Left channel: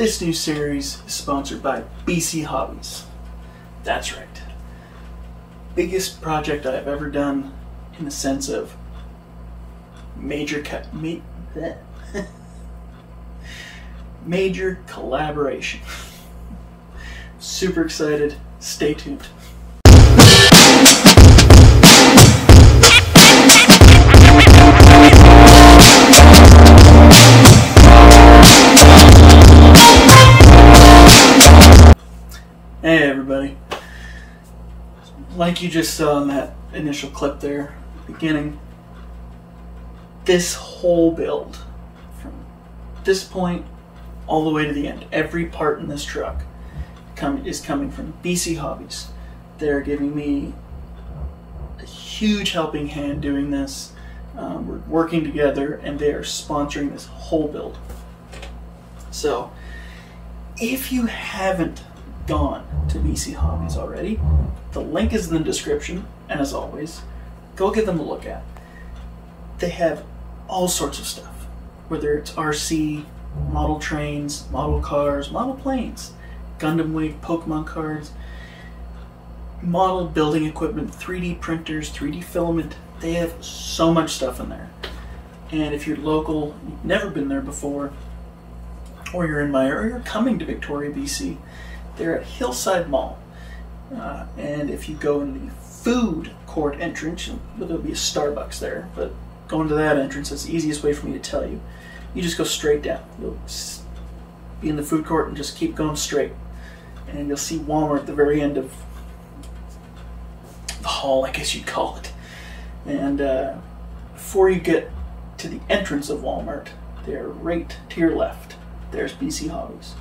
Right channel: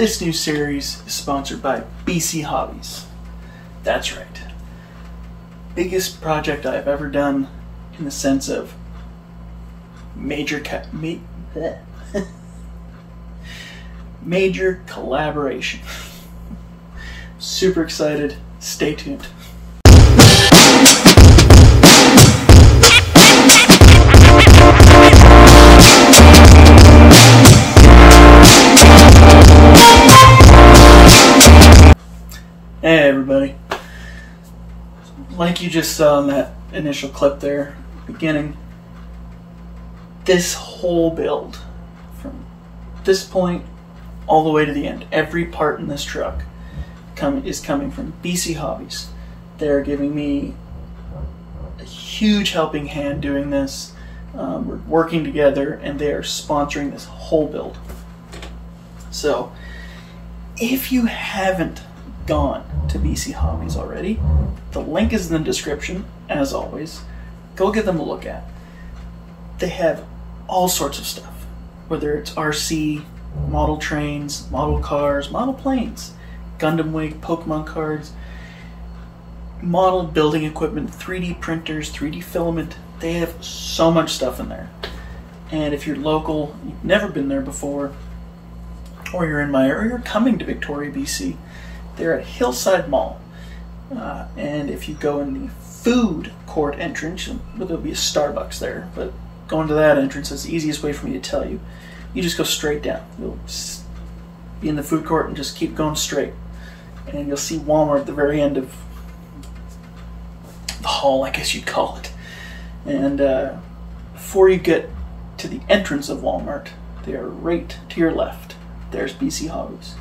This new series is sponsored by BC Hobbies. That's right. Biggest project I've ever done in the sense of major collaboration. Super excited. Stay tuned. Hey everybody. Like you just saw in that initial clip there, beginning, this whole build, from this point all the way to the end, every part in this truck is coming from BC Hobbies. They're giving me a huge helping hand doing this. We're working together and they are sponsoring this whole build. So if you haven't gone to BC Hobbies already, the link is in the description, as always. Go give them a look at. They have all sorts of stuff, whether it's RC, model trains, model cars, model planes, Gundam Wing, Pokemon cards, model building equipment, 3D printers, 3D filament. They have so much stuff in there. And if you're local, you've never been there before, or you're coming to Victoria, BC, they're at Hillside Mall. And if you go in the food court entrance, there'll be a Starbucks there, but going to that entrance is the easiest way for me to tell you. You just go straight down. You'll be in the food court and just keep going straight. And you'll see Walmart at the very end of the hall, I guess you'd call it. And before you get to the entrance of Walmart, they're right to your left. There's BC Hobbies.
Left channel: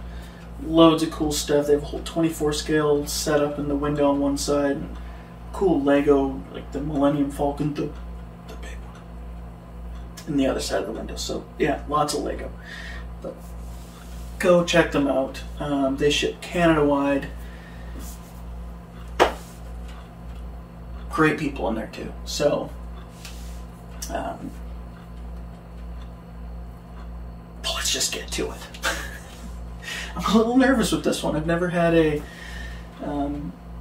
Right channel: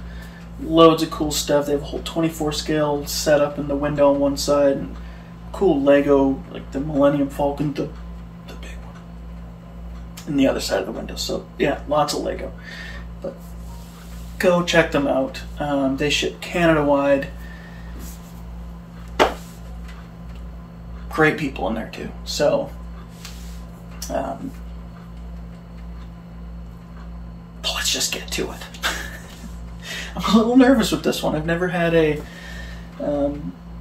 Loads of cool stuff. They have a whole 24 scale set up in the window on one side, and cool Lego, like the Millennium Falcon, the big one, in the other side of the window. So yeah, lots of Lego. But go check them out. They ship Canada wide. Great people in there too. So let's just get to it. I'm a little nervous with this one. I've never had a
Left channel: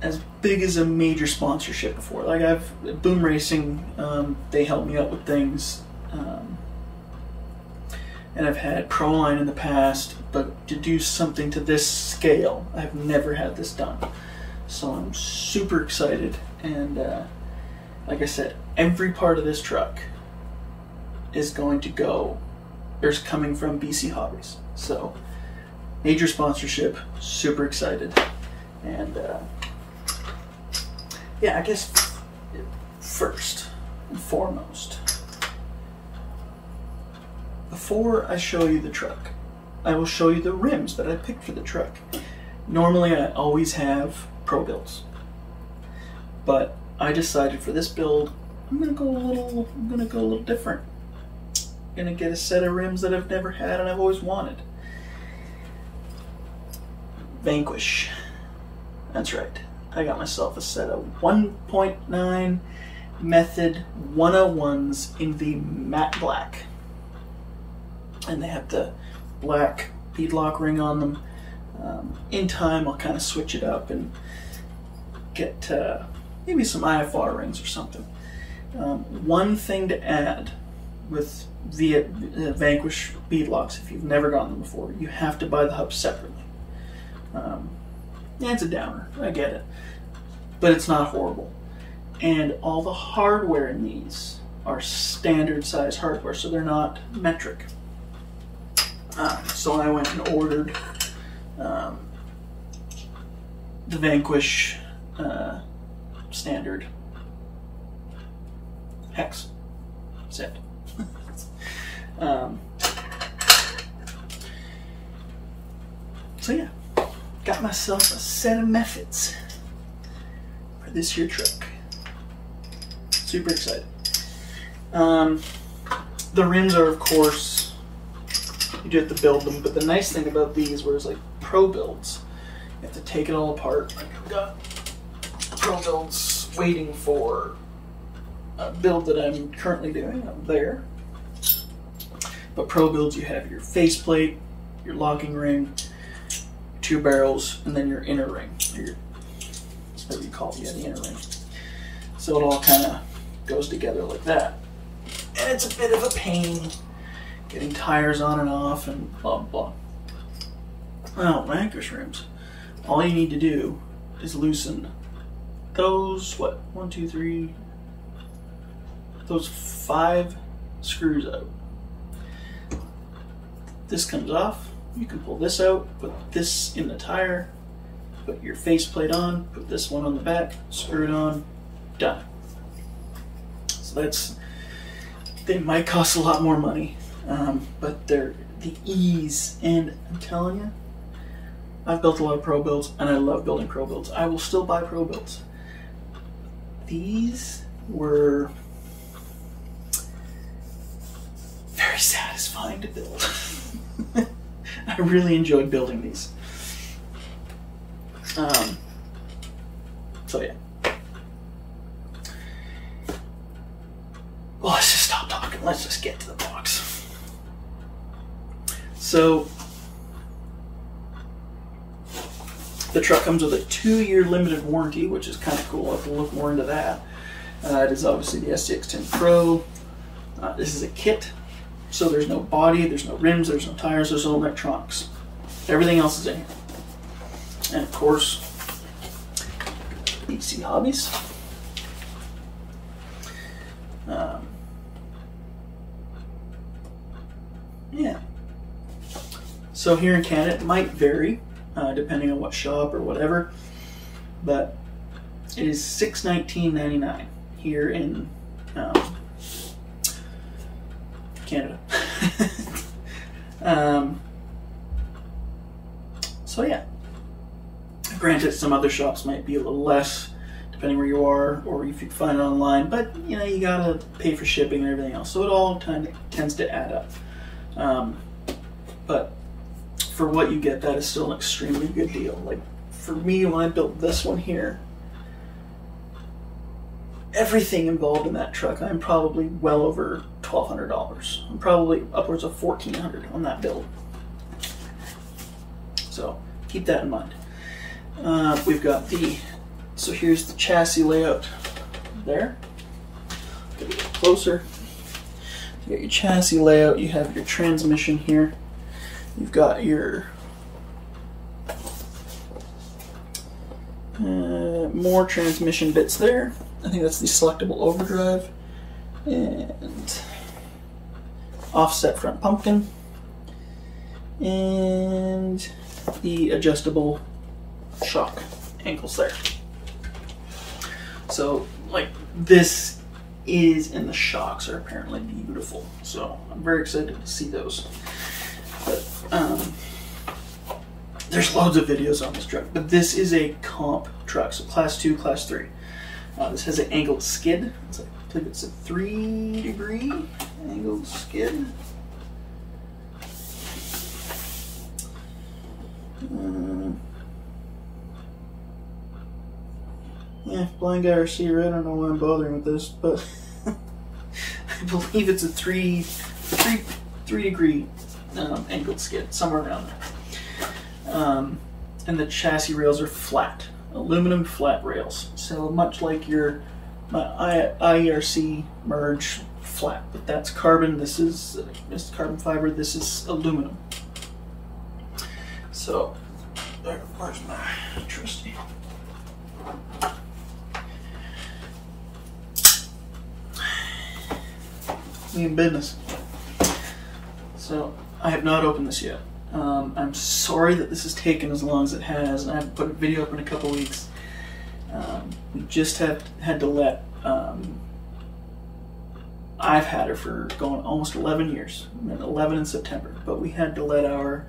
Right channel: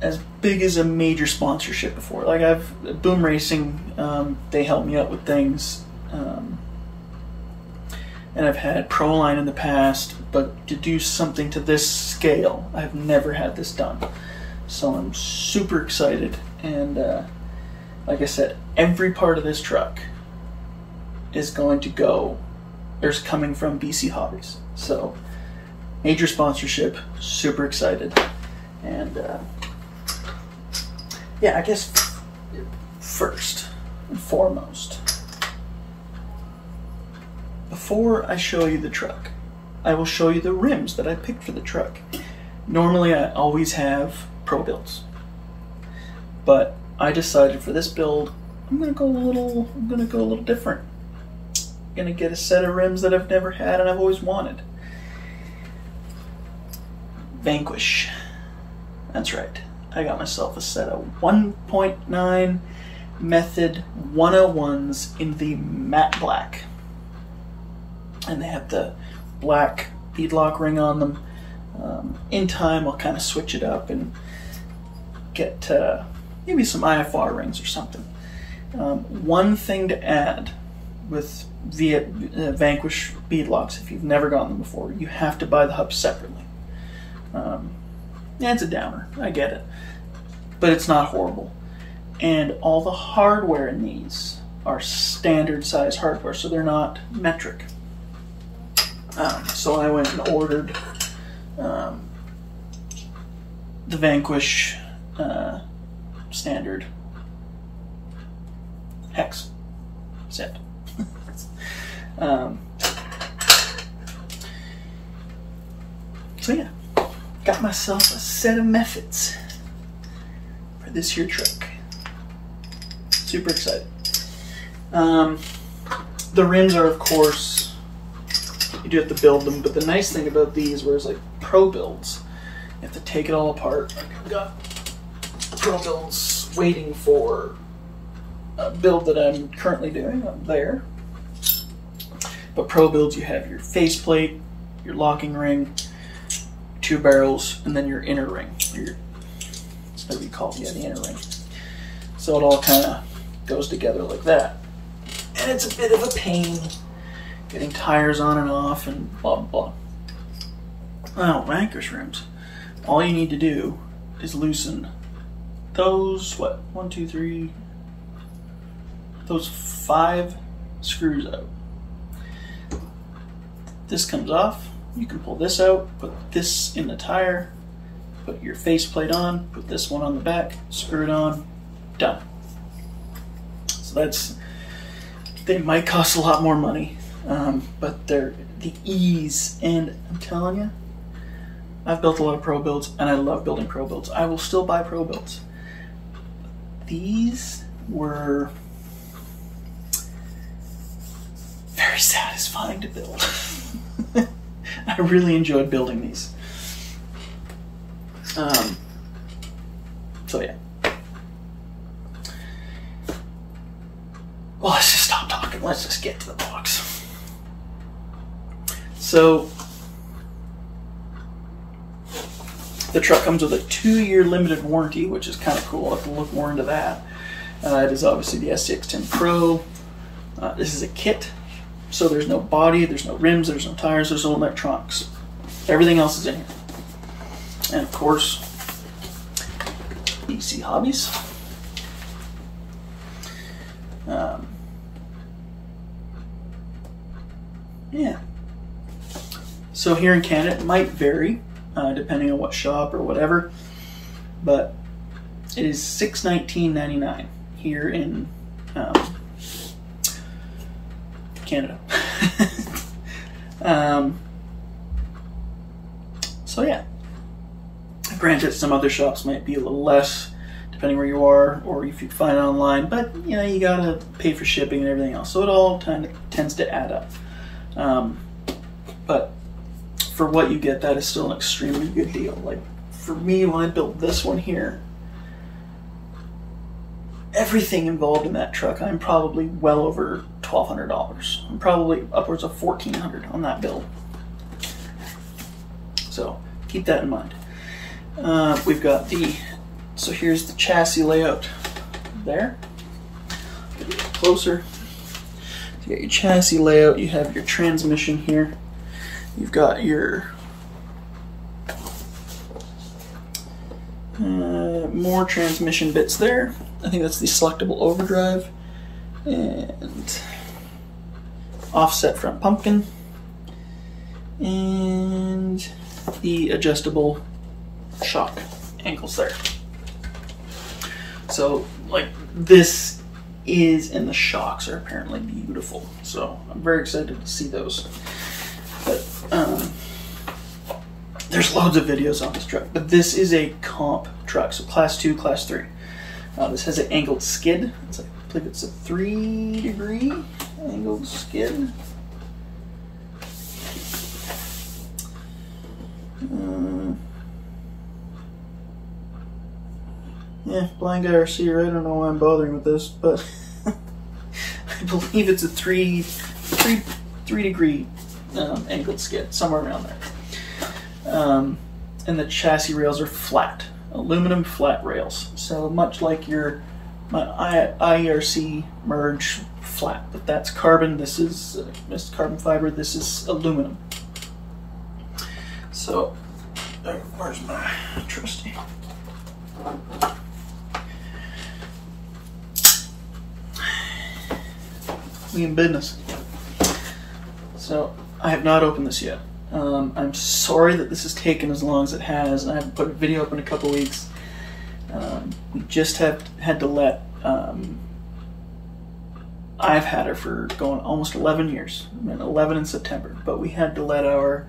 as big as a major sponsorship before. Like BoomRacing, they help me out with things, and I've had Proline in the past, but to do something to this scale, I've never had this done. So I'm super excited, and like I said, every part of this truck is going to go, there's coming from BC Hobbies. So major sponsorship, super excited. And yeah, I guess first and foremost, before I show you the truck, I will show you the rims that I picked for the truck. Normally I always have pro builds, but I decided for this build I'm gonna go a little different. I'm gonna get a set of rims that I've never had and I've always wanted. Vanquish. That's right. I got myself a set of 1.9 Method 101s in the matte black. And they have the black beadlock ring on them. In time, I'll kind of switch it up and get maybe some IFR rings or something. One thing to add with the Vanquish beadlocks, if you've never gotten them before, you have to buy the hubs separately. Yeah, it's a downer, I get it, but it's not horrible. And all the hardware in these are standard size hardware, so they're not metric. So I went and ordered the Vanquish standard hex set. So yeah, got myself a set of methods for this here truck. Super excited. The rims are, of course, you do have to build them, but the nice thing about these, whereas like pro builds, you have to take it all apart. Like I've got pro builds waiting for a build that I'm currently doing up there. But pro builds, you have your faceplate, your locking ring, two barrels, and then your inner ring. That's what we call it, yeah, the inner ring. So it all kind of goes together like that. And it's a bit of a pain getting tires on and off and blah, blah. Well, Vanquish rims, all you need to do is loosen those, what, 1, 2, 3, those 5 screws out. This comes off, you can pull this out, put this in the tire, put your faceplate on, put this one on the back, screw it on, done. So they might cost a lot more money, but they're the ease, and I'm telling you, I've built a lot of pro builds, and I love building pro builds. I will still buy pro builds. These were very satisfying to build. I really enjoyed building these. So yeah. Well, let's just stop talking. Let's just get to the box. So the truck comes with a 2-year limited warranty, which is kind of cool. I'll have to look more into that. It is obviously the SCX10 Pro. This is a kit, so there's no body, there's no rims, there's no tires, there's no electronics. Everything else is in here. And of course, BC Hobbies. Yeah. So here in Canada, it might vary depending on what shop or whatever, but it is $619.99 here in Canada. So yeah. Granted, some other shops might be a little less, depending where you are, or if you find it online, but you know, you gotta pay for shipping and everything else, so it all tends to add up. But for what you get, that is still an extremely good deal. Like for me, when I built this one here, everything involved in that truck, I'm probably well over $1,200. I'm probably upwards of $1,400 on that build. So keep that in mind. We've got so here's the chassis layout there. Get a little closer. You got your chassis layout, you have your transmission here. You've got your more transmission bits there. I think that's the selectable overdrive and offset front pumpkin and the adjustable shock ankles there. So like this is, and the shocks are apparently beautiful, so I'm very excited to see those. But there's loads of videos on this truck, but this is a comp truck, so class 2, class 3. This has an angled skid. I believe it's a 3-degree angled skid. Yeah, blind guy RC, I don't know why I'm bothering with this, but I believe it's a 3-degree angled skid, somewhere around there. And the chassis rails are flat, aluminum flat rails. So much like your IRC merge flat, but that's carbon. This is carbon fiber. This is aluminum. So where's my trusty? We in business. So I have not opened this yet. I'm sorry that this has taken as long as it has, and I haven't put a video up in a couple weeks. We just had to let, I've had her for going almost 11 years, 11 in September, but we had to let our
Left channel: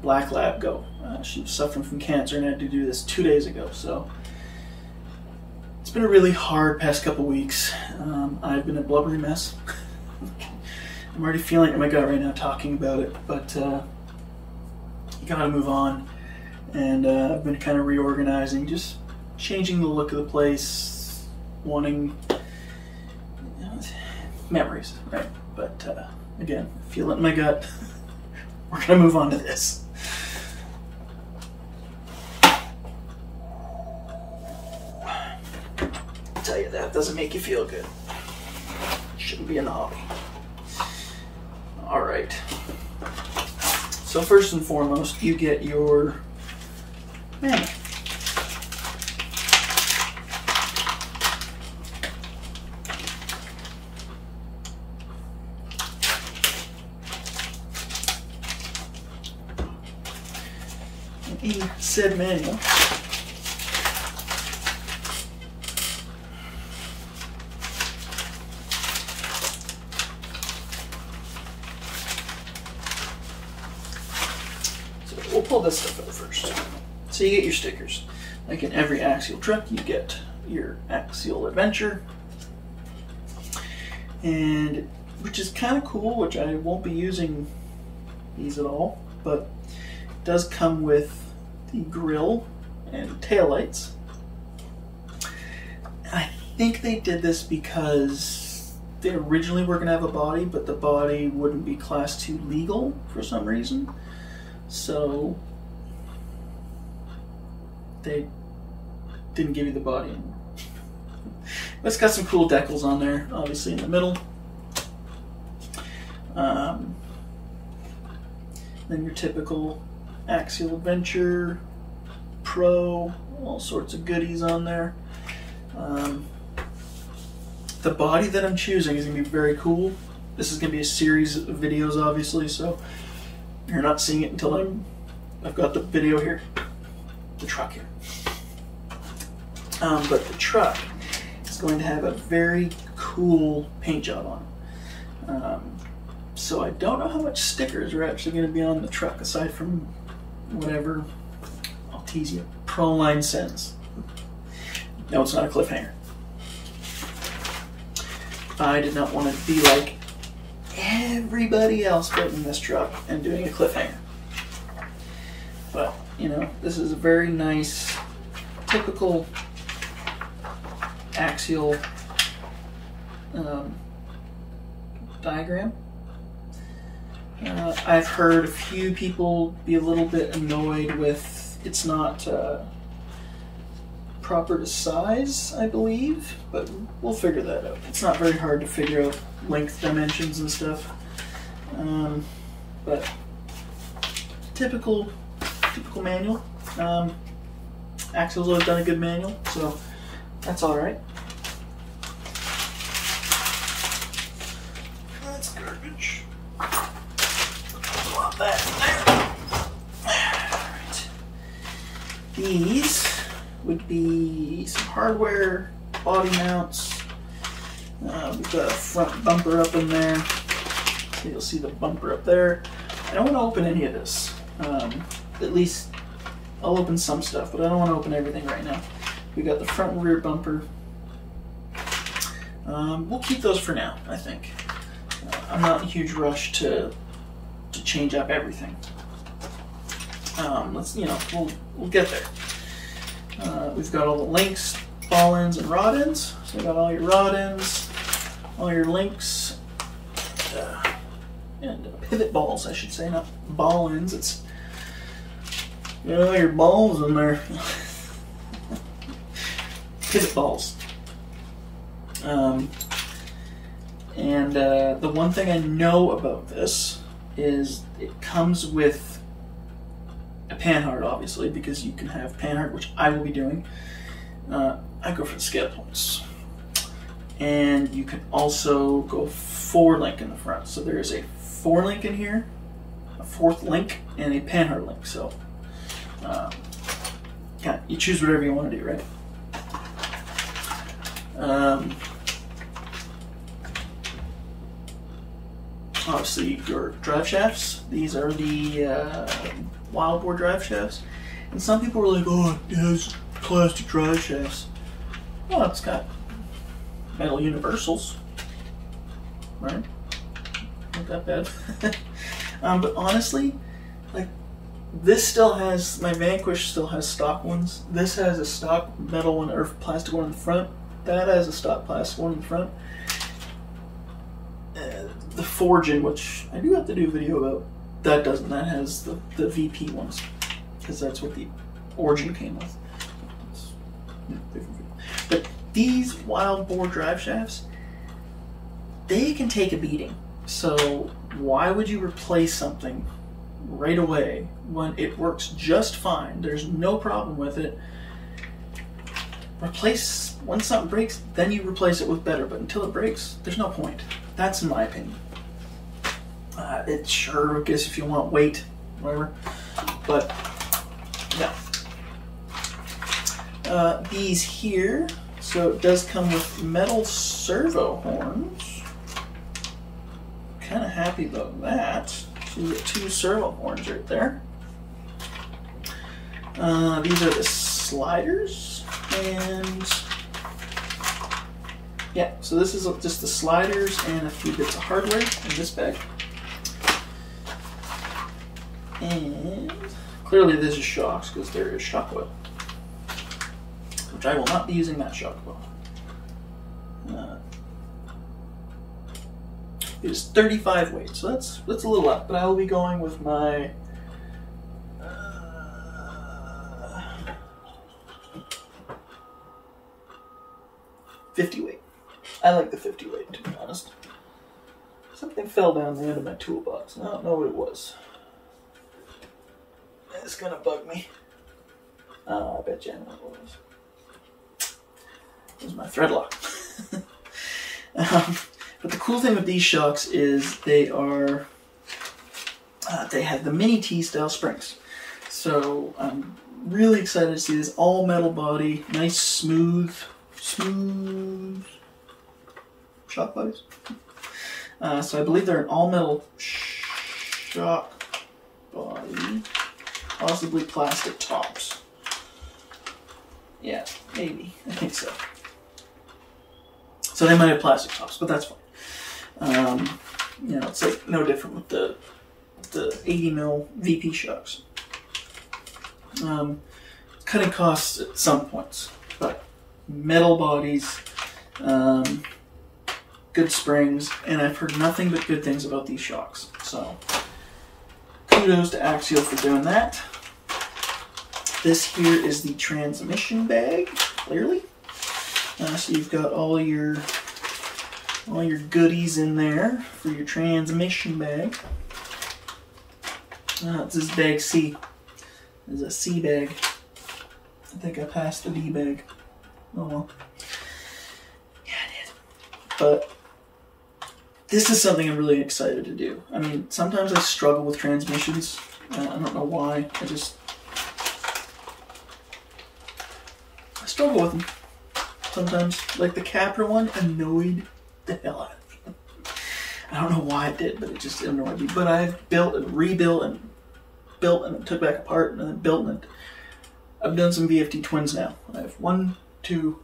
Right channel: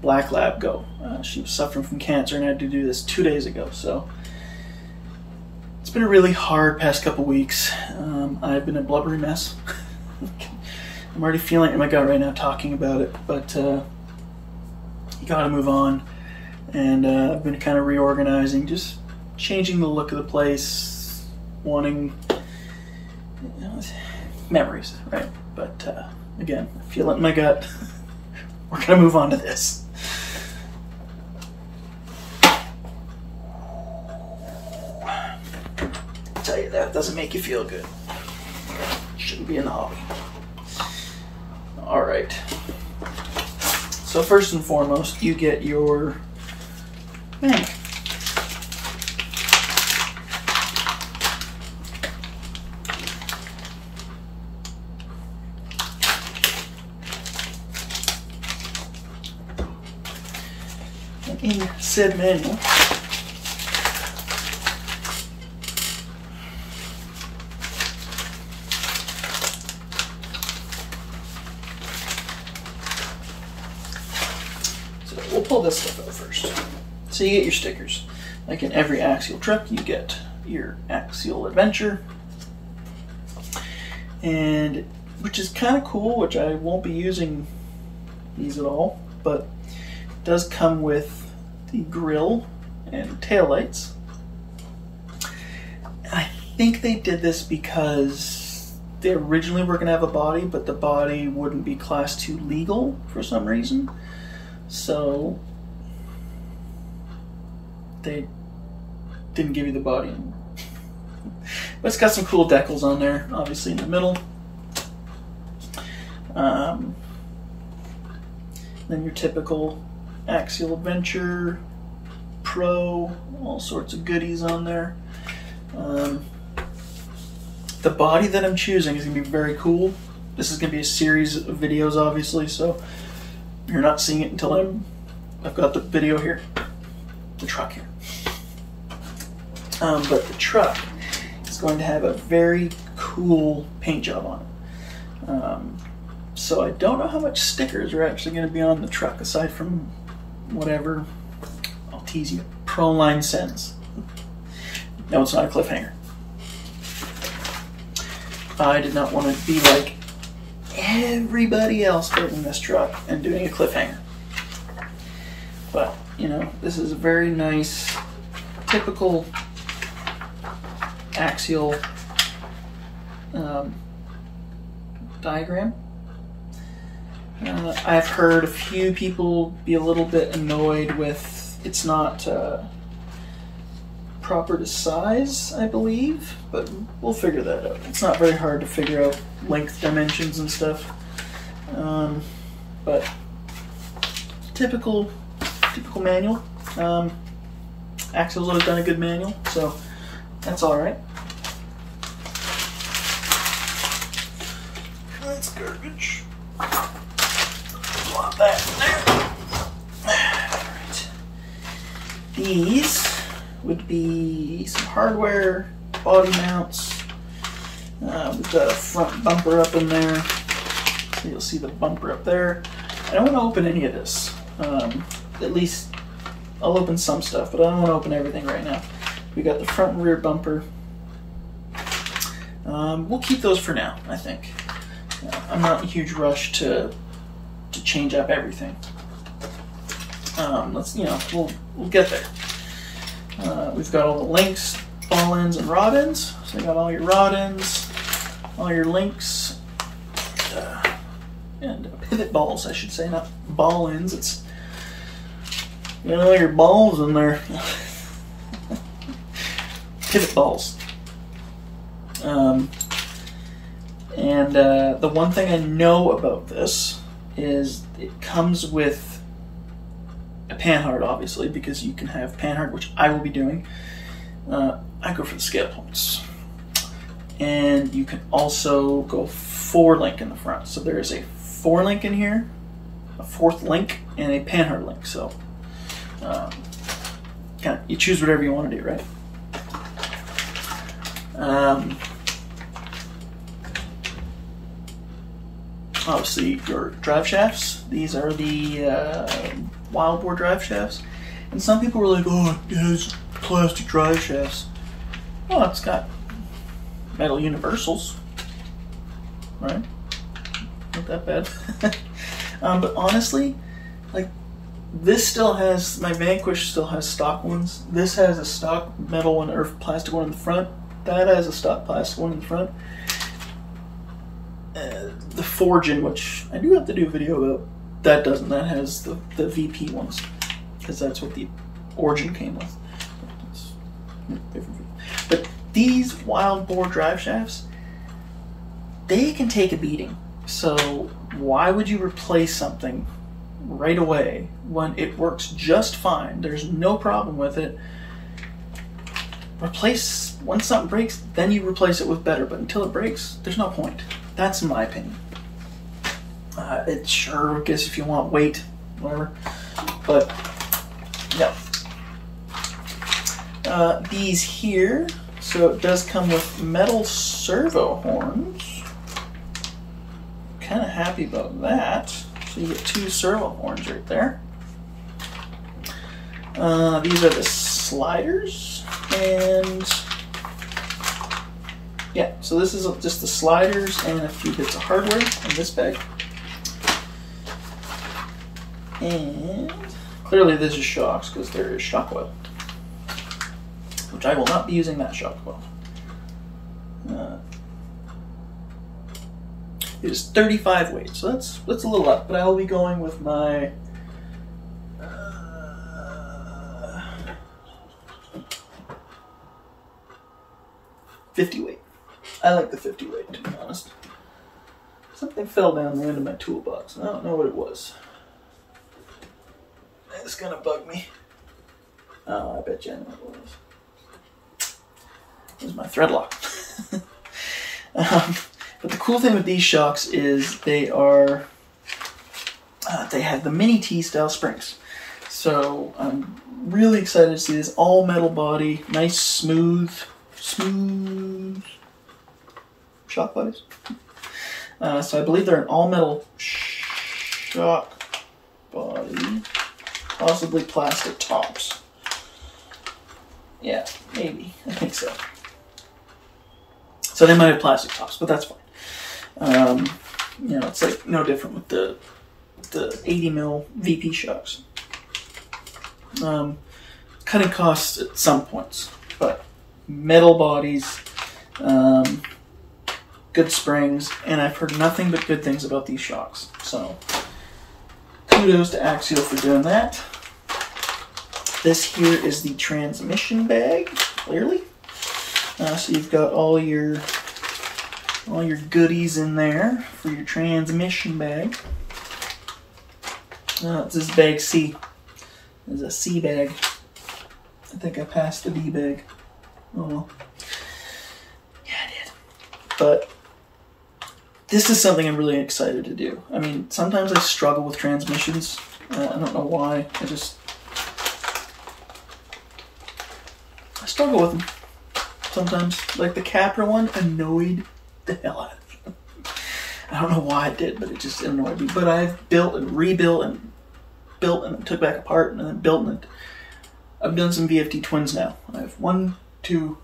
black lab go. She was suffering from cancer and had to do this 2 days ago, so it's been a really hard past couple weeks. I've been a blubbery mess. I'm already feeling it in my gut right now talking about it, but you gotta move on. And I've been kind of reorganizing, just changing the look of the place, wanting memories, right? But again, I feel it in my gut. We're gonna move on to this. that doesn't make you feel good. Shouldn't be in the hobby. All right. So first and foremost, you get your manual. And in said manual, we'll pull this stuff out first. So you get your stickers. Like in every Axial truck, you get your Axial Adventure, and which is kind of cool, which I won't be using these at all, but it does come with the grill and taillights. And I think they did this because they originally were going to have a body, but the body wouldn't be Class 2 legal for some reason. So they didn't give you the body anymore. But it's got some cool decals on there, obviously in the middle. Then your typical Axial Adventure, Pro, all sorts of goodies on there. The body that I'm choosing is going to be very cool. This is going to be a series of videos, obviously, so you're not seeing it until I've got the video here, the truck here. But the truck is going to have a very cool paint job on it. So I don't know how much stickers are actually going to be on the truck, aside from whatever, I'll tease you, Proline sends. No, it's not a cliffhanger. I did not want to be like everybody else building this truck and doing a cliffhanger. But, you know, this is a very nice, typical Axial diagram. I've heard a few people be a little bit annoyed with it's not proper to size, I believe, but we'll figure that out. It's not very hard to figure out length dimensions and stuff. But typical manual. Axial's always done a good manual, so that's all right. That's garbage. Plop that in there. Right. These would be some hardware, body mounts. We've got a front bumper up in there. So you'll see the bumper up there. I don't want to open any of this. At least I'll open some stuff, but I don't want to open everything right now. We got the front and rear bumper. We'll keep those for now, I think. I'm not in a huge rush to change up everything. Let's, you know, we'll get there. We've got all the links, ball ends, and rod ends. So you got all your rod ends, all your links, and pivot balls, I should say, not ball ends. It's, you know, your balls in there. Pivot balls. The one thing I know about this is it comes with a panhard, obviously, because you can have panhard, which I will be doing. I go for the scale points. And you can also go 4-link in the front. So there is a 4-link in here, a 4th link, and a panhard link. So you choose whatever you want to do, right? Obviously, your drive shafts. These are the wild boar drive shafts. And some people were like, oh, it has plastic drive shafts. Well, it's got metal universals, right? Not that bad. But honestly, like, this still has, my Vanquish still has stock ones. This has a stock metal one or plastic one in the front. That has a stock plastic one in the front. The forging, which I do have to do a video about, that doesn't. That has the VP ones, because that's what the Origin came with. But these wild bore drive shafts, they can take a beating. So why would you replace something right away when it works just fine? There's no problem with it. Replace, once something breaks, then you replace it with better, but until it breaks, there's no point. That's my opinion. It sure gives if you want weight, whatever, but no. These here, so it does come with metal servo horns. Kind of happy about that. So you get 2 servo horns right there. These are the sliders, and yeah, so this is just the sliders and a few bits of hardware in this bag. And clearly this is shocks because there is shock oil, which I will not be using that shock oil. It is 35 weight, so that's a little up, but I will be going with my 50 weight. I like the 50 weight, to be honest. Something fell down the end of my toolbox, and I don't know what it was. It's gonna bug me. Oh, I bet you I know what it was. It was my thread lock. But the cool thing with these shocks is they are, they have the mini T-style springs. So I'm really excited to see this all metal body, nice smooth shock bodies. So I believe they're an all metal shock body, possibly plastic tops. Yeah, maybe, I think so. So they might have plastic tops, but that's fine. You know, it's like no different with the 80mm VP shocks. Cutting costs at some points, but metal bodies, good springs, and I've heard nothing but good things about these shocks. So kudos to Axial for doing that. This here is the transmission bag, clearly. So you've got all your goodies in there for your transmission bag. This is bag C. This is a C bag. I think I passed the D bag. Oh well. Yeah, I did. But this is something I'm really excited to do. I mean, sometimes I struggle with transmissions. I don't know why. I struggle with them. Sometimes, like the Capra one, annoyed the hell out of me. I don't know why it did, but it just annoyed me. But I've built and rebuilt and built and took back apart and then built, and I've done some VFD twins now. I have 1, 2,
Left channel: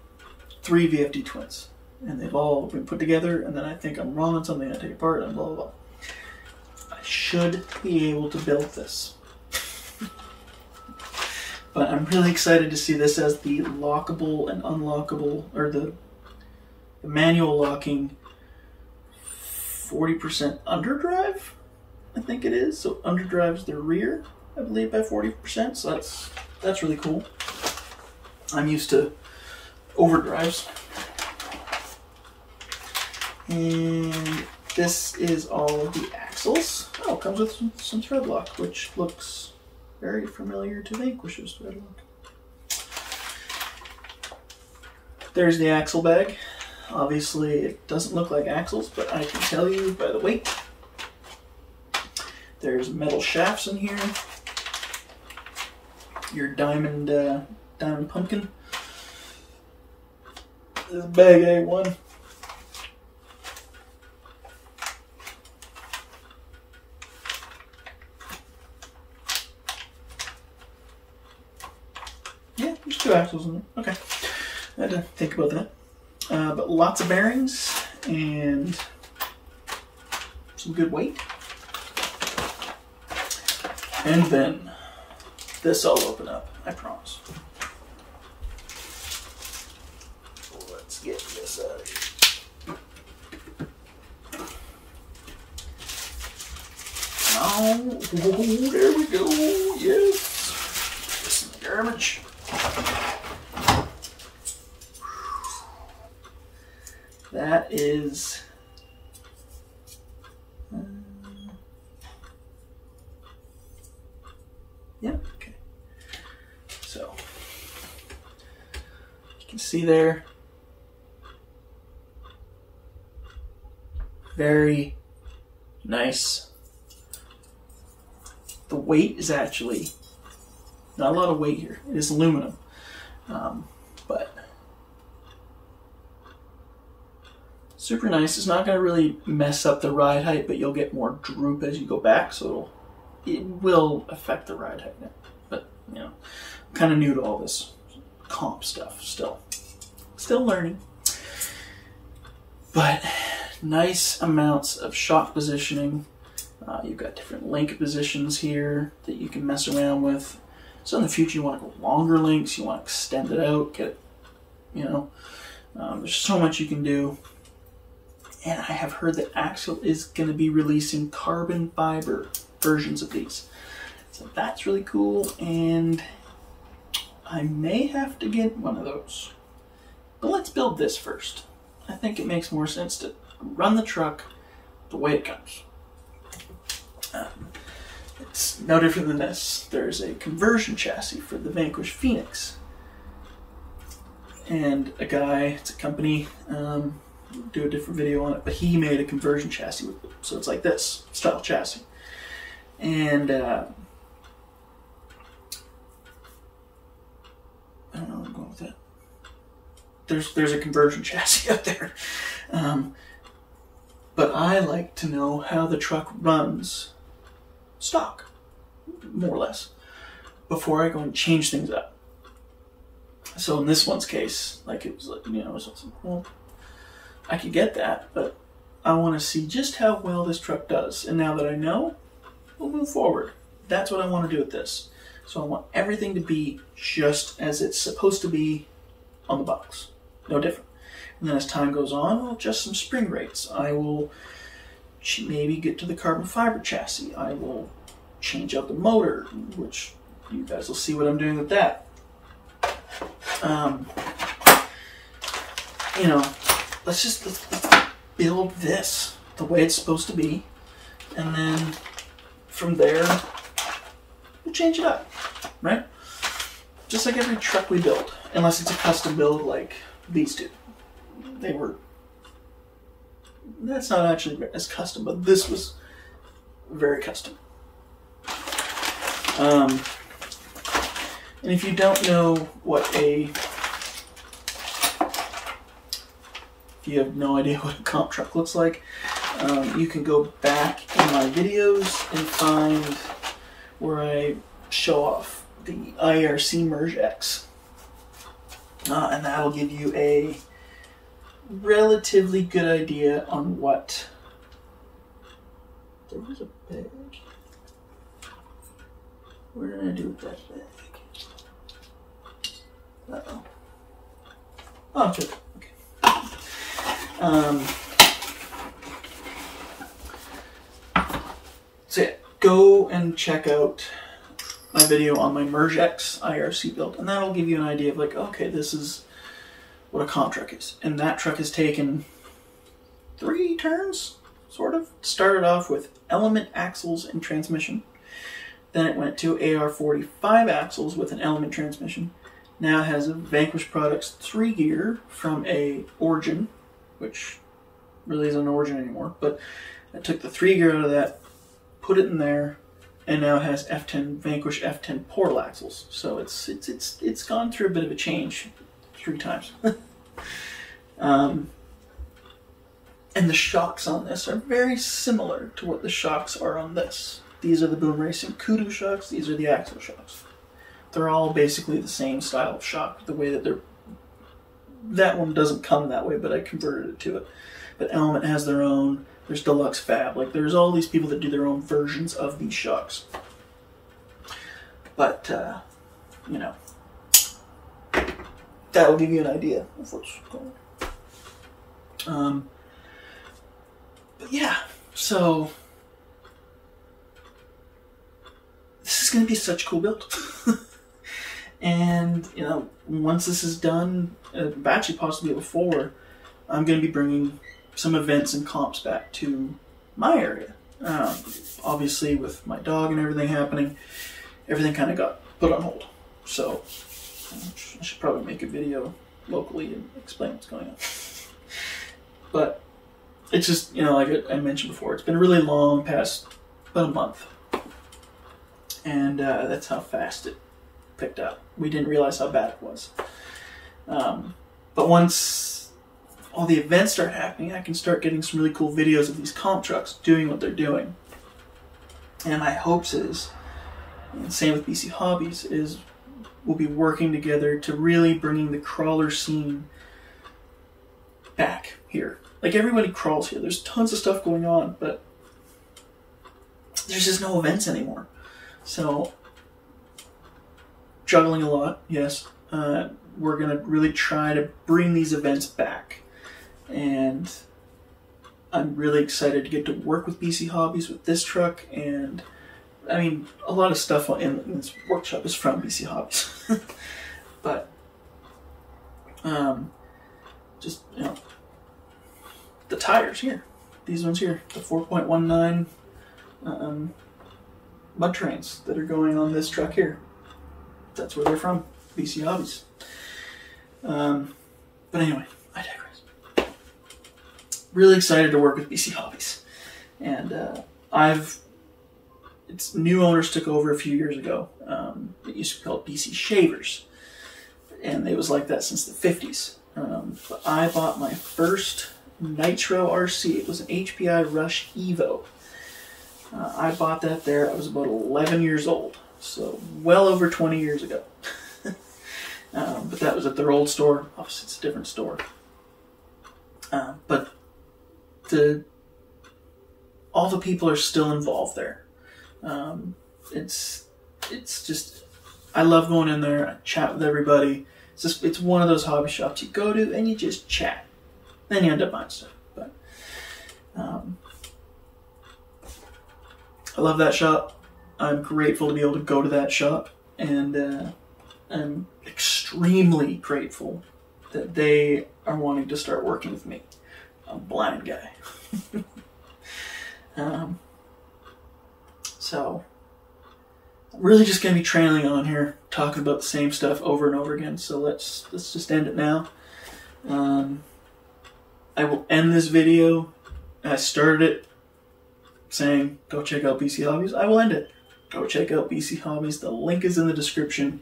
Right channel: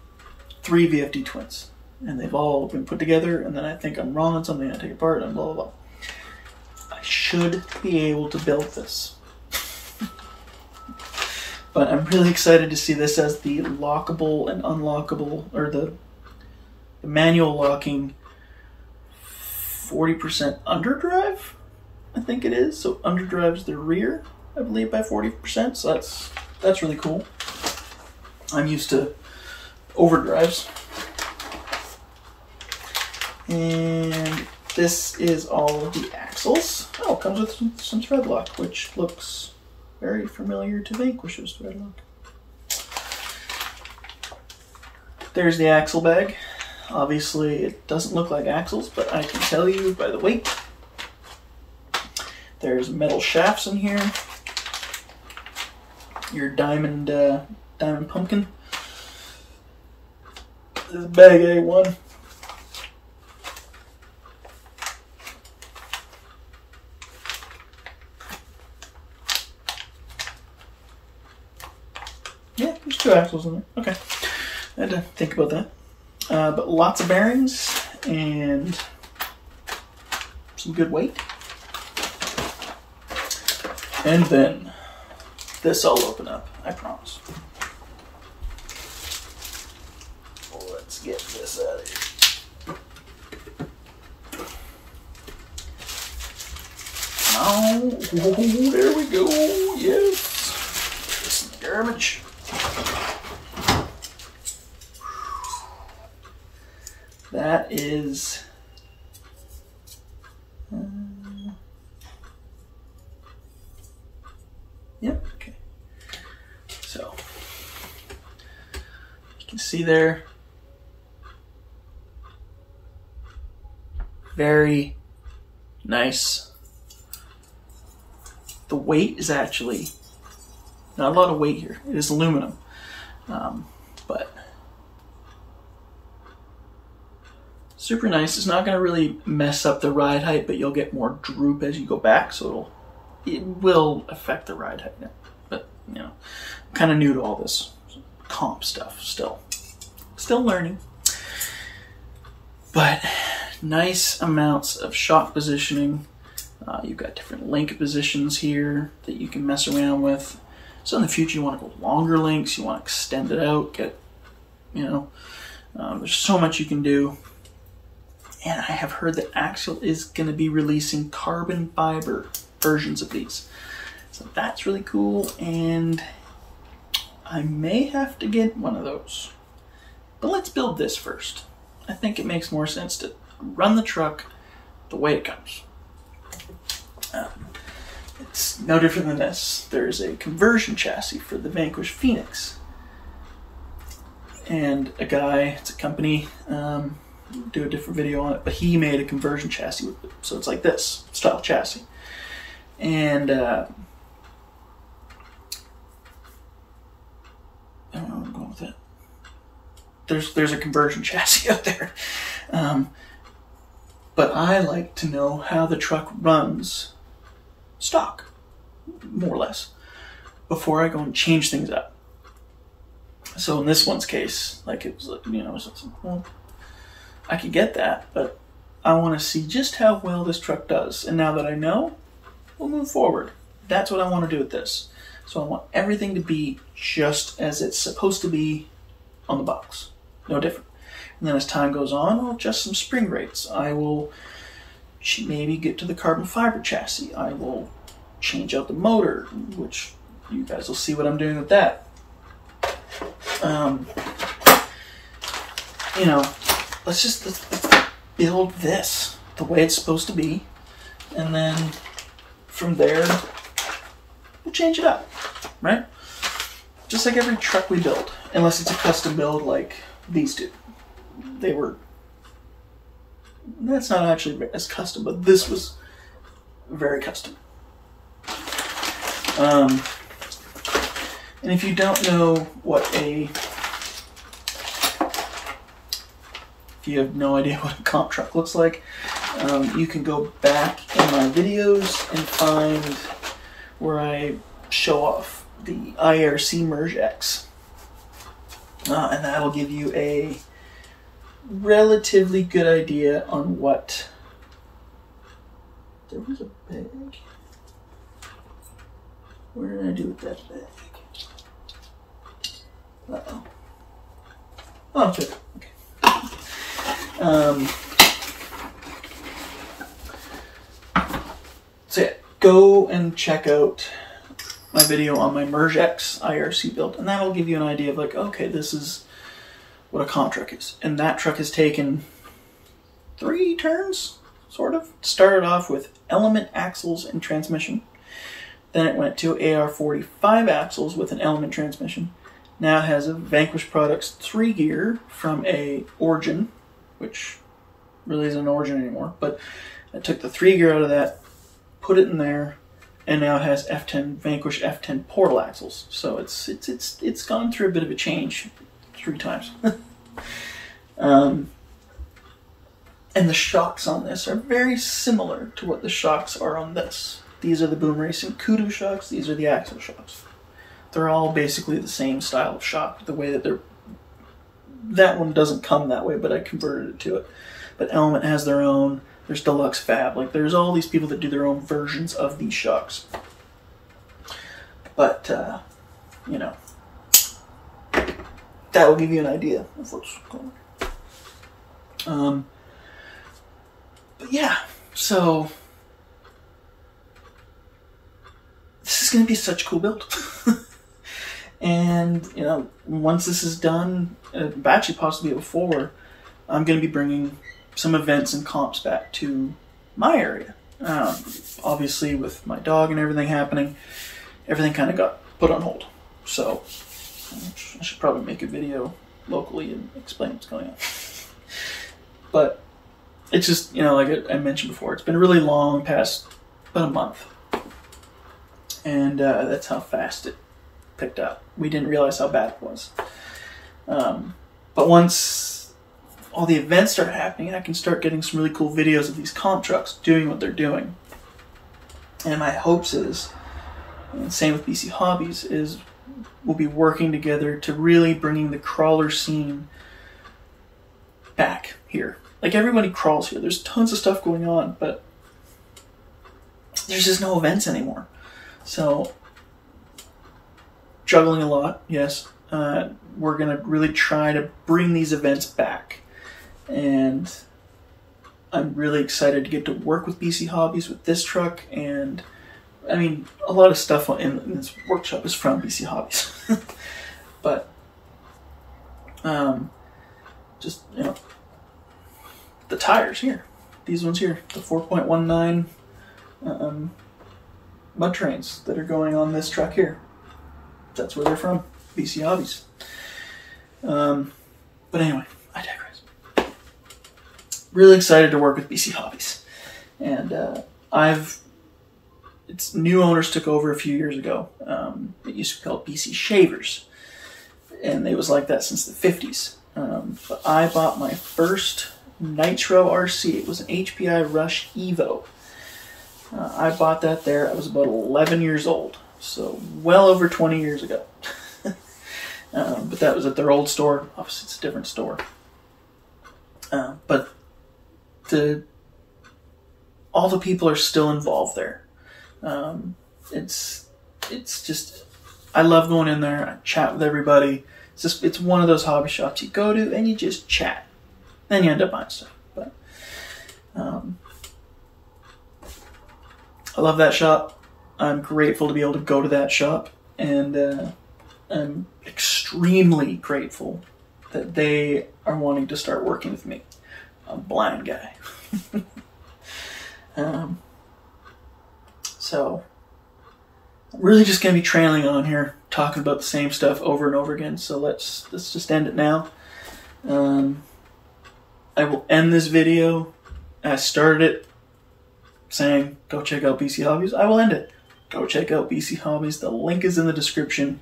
3 VFD twins, and they've all been put together, and then I think I'm wrong on something, I take it apart, and blah, blah, blah. I should be able to build this. But I'm really excited to see this as the lockable and unlockable, or the manual locking 40% underdrive, I think it is. So underdrives the rear, I believe, by 40%. So that's really cool. I'm used to overdrives. And this is all of the axles. Oh, it comes with some thread lock, which looks very familiar to Vanquish's thread lock. There's the axle bag. Obviously, it doesn't look like axles, but I can tell you by the weight. There's metal shafts in here. Your diamond pumpkin. This is bag A1. Yeah, there's 2 axles in there. Okay. I had to think about that. But lots of bearings and some good weight. And then this will open up, I promise. Let's get this out of here. Oh, there we go. Yes. This is the garbage. that is yep, okay. So you can see there, very nice. The weight is actually not a lot of weight here. It is aluminum, but super nice. It's not going to really mess up the ride height, but you'll get more droop as you go back, so it will affect the ride height. But you know, I'm kind of new to all this comp stuff still learning. But nice amounts of shock positioning. You've got different link positions here that you can mess around with. So in the future, you want to go longer links, you want to extend it out, get, you know, there's so much you can do. And I have heard that Axial is going to be releasing carbon fiber versions of these. So that's really cool, and I may have to get one of those. But let's build this first. I think it makes more sense to run the truck the way it comes. It's no different than this. There's a conversion chassis for the Vanquish Phoenix. And a guy, it's a company, do a different video on it, but he made a conversion chassis with it. So it's like this style chassis. And I don't know where I'm going with that. There's a conversion chassis out there. But I like to know how the truck runs stock, more or less, before I go and change things up. So in this one's case, like it was like, you know, well, I could get that, but I want to see just how well this truck does. And now that I know, we'll move forward. That's what I want to do with this. So I want everything to be just as it's supposed to be on the box. No different. And then as time goes on, I'll adjust some spring rates. I will maybe get to the carbon fiber chassis. I will change out the motor, which you guys will see what I'm doing with that. You know, let's build this the way it's supposed to be, and then from there we'll change it up, right? Just like every truck we build, unless it's a custom build like these two. That's not actually as custom, but this was very custom. And if you don't know if you have no idea what a comp truck looks like, you can go back in my videos and find where I show off the IRC Merge X. And that'll give you a relatively good idea on what... There was a bag. What did I do with that bag? Uh-oh. Oh, good. Okay. So yeah, go and check out my video on my Merge X IRC build, and that'll give you an idea of like, okay, this is what a comp truck is. And that truck has taken 3 turns, sort of. Started off with element axles and transmission. Then it went to AR45 axles with an element transmission. Now it has a Vanquish Products 3-gear from a Origin, which really isn't an Origin anymore, but I took the 3-gear out of that, put it in there, and now it has F10 Vanquish F10 portal axles. So it's gone through a bit of a change 3 times. And the shocks on this are very similar to what the shocks are on this. These are the BoomRacing Kudu shocks. These are the Axial shocks. They're all basically the same style of shock. The way that they're... That one doesn't come that way, but I converted it to it. But Element has their own. There's Deluxe Fab. Like, there's all these people that do their own versions of these shocks. But, you know, that'll give you an idea of what's going on. But yeah, so... This is going to be such a cool build. And, you know, once this is done, actually possibly before, I'm going to be bringing some events and comps back to my area. Obviously, with my dog and everything happening, everything kind of got put on hold. So I should probably make a video locally and explain what's going on. But it's just, you know, like I mentioned before, it's been really long, past about a month. And that's how fast it picked up. We didn't realize how bad it was. But once all the events start happening, I can start getting some really cool videos of these comp trucks doing what they're doing. And my hopes is, and same with BC Hobbies, is we'll be working together to really bringing the crawler scene back here. Like, everybody crawls here. There's tons of stuff going on, but there's just no events anymore. So, juggling a lot, yes. We're going to really try to bring these events back. And I'm really excited to get to work with BC Hobbies with this truck. And, I mean, a lot of stuff in this workshop is from BC Hobbies. But, just, you know, the tires here. These ones here, the 4.19 mud trains that are going on this truck here. That's where they're from, BC Hobbies. But anyway, I digress. Really excited to work with BC Hobbies. And its new owners took over a few years ago. It used to be called BC Shavers. And it was like that since the 50s. But I bought my first Nitro RC. It was an HPI Rush Evo. I bought that there. I was about 11 years old. So well over 20 years ago. But that was at their old store. Obviously, it's a different store. But all the people are still involved there. It's just, I love going in there. I chat with everybody. It's one of those hobby shops you go to and you just chat. Then you end up buying stuff. But I love that shop. I'm grateful to be able to go to that shop, and I'm extremely grateful that they are wanting to start working with me. I'm a blind guy. So I'm really just going to be trailing on here, talking about the same stuff over and over again. So let's just end it now. I will end this video. I started it saying, go check out BC Hobbies. I will end it. Go check out BC Hobbies. The link is in the description.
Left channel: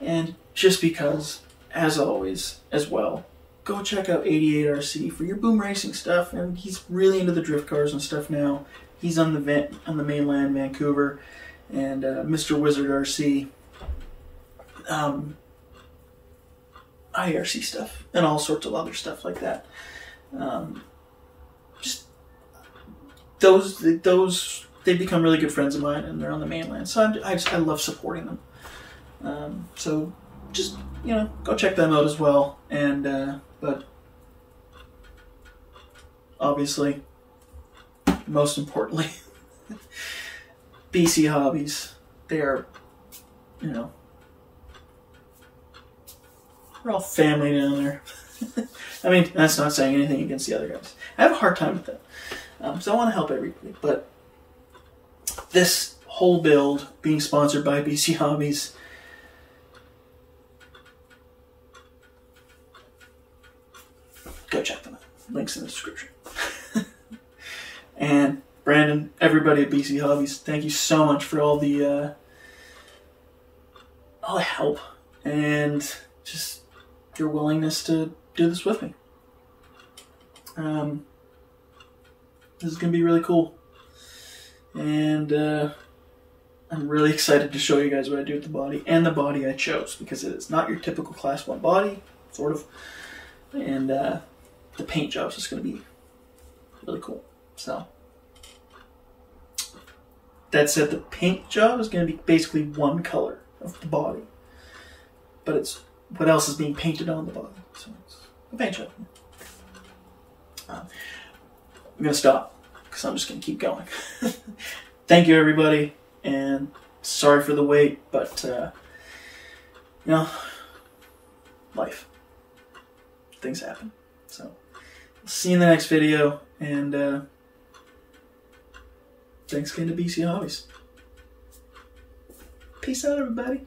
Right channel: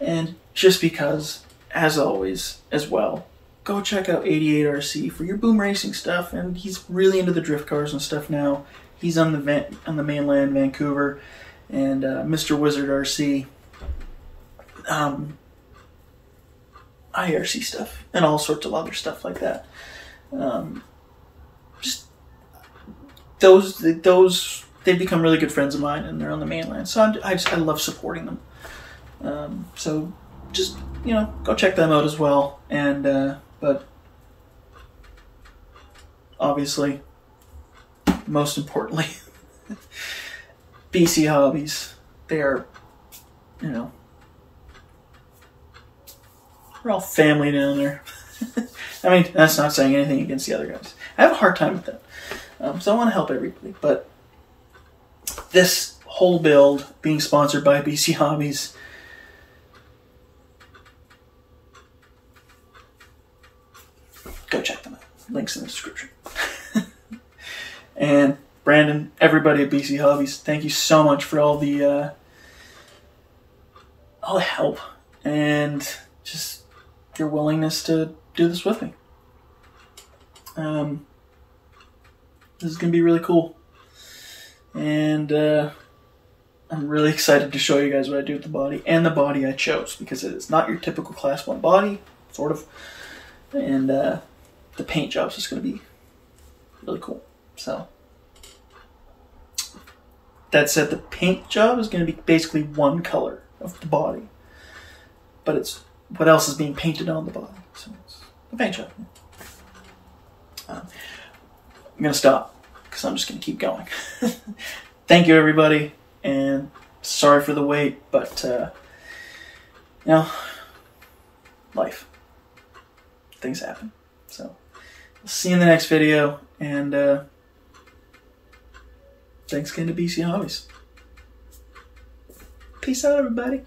And just because, as always, as well, go check out Eighty8 RC for your BoomRacing stuff. And he's really into the drift cars and stuff now. He's on the mainland, Vancouver, and Mr. Wizard RC, IRC stuff, and all sorts of other stuff like that. Just those they become really good friends of mine, and they're on the mainland. So I love supporting them. So just, you know, go check them out as well. And but obviously, most importantly, BC Hobbies. They are, you know, we're all family down there. I mean, that's not saying anything against the other guys. I have a hard time with that. So I want to help everybody. But this whole build being sponsored by BC Hobbies, go check them out. Links in the description. And Brandon, everybody at BC Hobbies, thank you so much for all the help and just your willingness to do this with me. This is going to be really cool. And I'm really excited to show you guys what I do with the body, and the body I chose, because it is not your typical Class 1 body, sort of. And the paint job is just going to be really cool. So that said, the paint job is going to be basically one color of the body, but it's what else is being painted on the body. So it's a paint job. I'm going to stop because I'm just going to keep going. Thank you, everybody, and sorry for the wait, but you know, life, things happen. So See you in the next video, and thanks again to BC Hobbies. Peace out, everybody.